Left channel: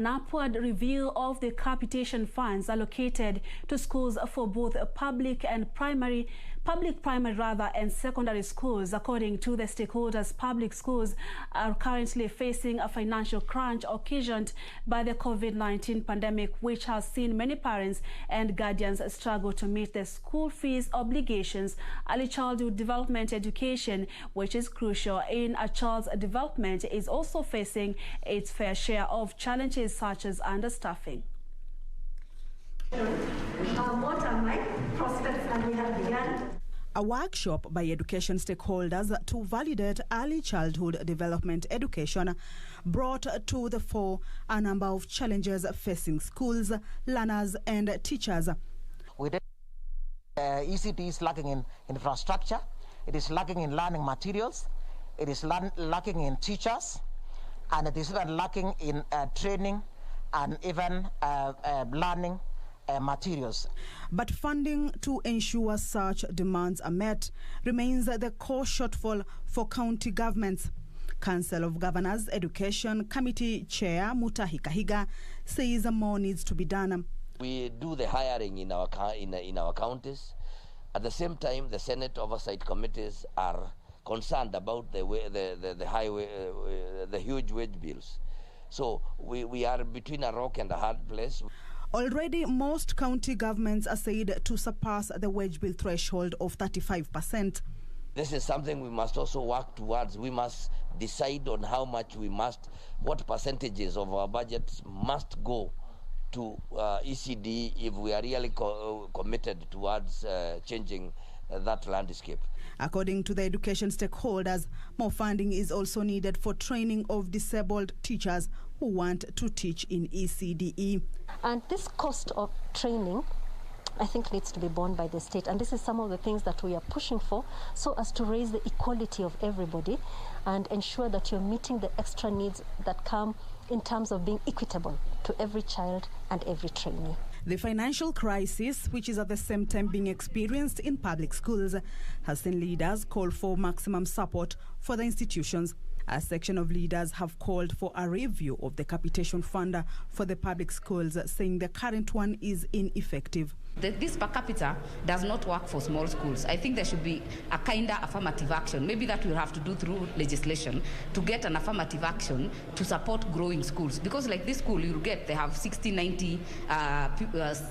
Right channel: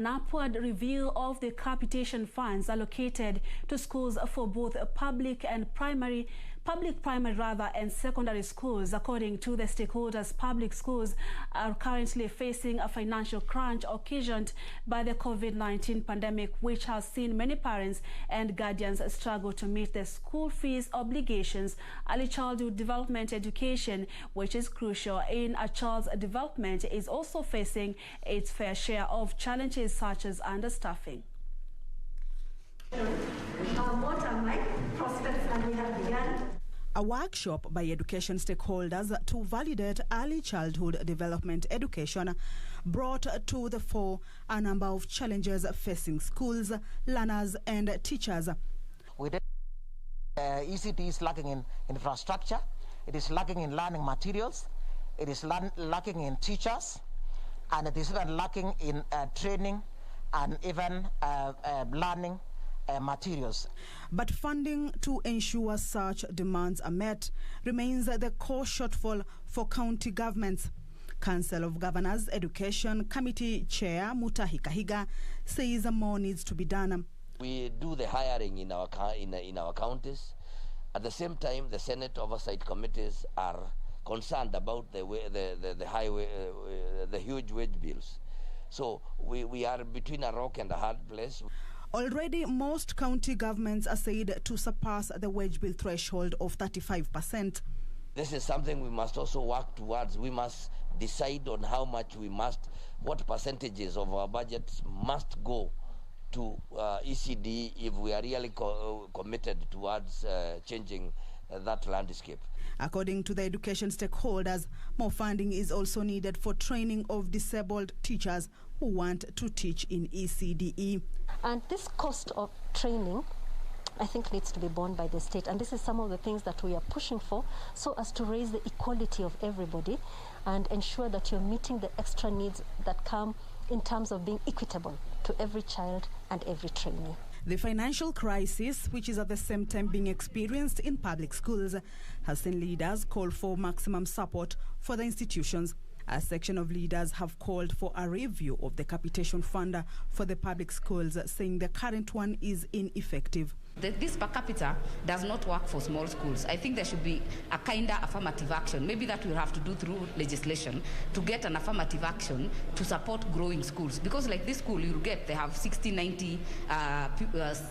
An upward review of the capitation funds allocated to schools for both public primary and secondary schools. According to the stakeholders, public schools are currently facing a financial crunch occasioned by the COVID-19 pandemic, which has seen many parents and guardians struggle to meet their school fees obligations. Early childhood development education, which is crucial in a child's development, is also facing its fair share of challenges such as understaffing. What are my prospects, and we have begun a workshop by education stakeholders to validate early childhood development education brought to the fore a number of challenges facing schools, learners and teachers. ECT is lacking in infrastructure, it is lacking in learning materials, it is lacking in teachers, and it is even lacking in training and even learning materials. But funding to ensure such demands are met remains the core shortfall for county governments. Council of Governors Education Committee Chair Mutahi Kahiga says more needs to be done. We do the hiring in our counties. At the same time, the Senate oversight committees are concerned about the huge wage bills. So we are between a rock and a hard place. Already, most county governments are said to surpass the wage bill threshold of 35%. This is something we must also work towards. We must decide on how much what percentages of our budgets must go to ECD if we are really committed towards changing that landscape. According to the education stakeholders, more funding is also needed for training of disabled teachers who want to teach in ECDE. And this cost of training, I think, needs to be borne by the state. And this is some of the things that we are pushing for, so as to raise the equality of everybody and ensure that you're meeting the extra needs that come in terms of being equitable to every child and every trainee. The financial crisis, which is at the same time being experienced in public schools, has seen leaders call for maximum support for the institutions. A section of leaders have called for a review of the capitation fund for the public schools, saying the current one is ineffective. This per capita does not work for small schools. I think there should be a kind of affirmative action. Maybe that we'll have to do through legislation to get an affirmative action to support growing schools. Because like this school they have 60, 90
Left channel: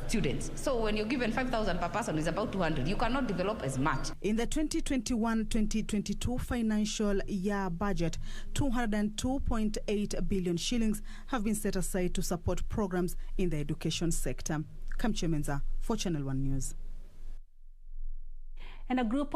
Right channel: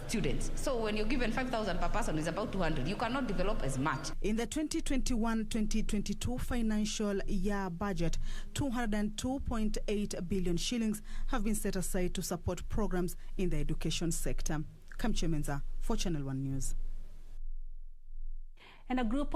students. So when you're given 5,000 per person, it's about 200. You cannot develop as much. In the 2021-2022 financial year budget, 202.8 billion shillings have been set aside to support programs in the education sector. Kamche Menza for Channel 1 News. And a group of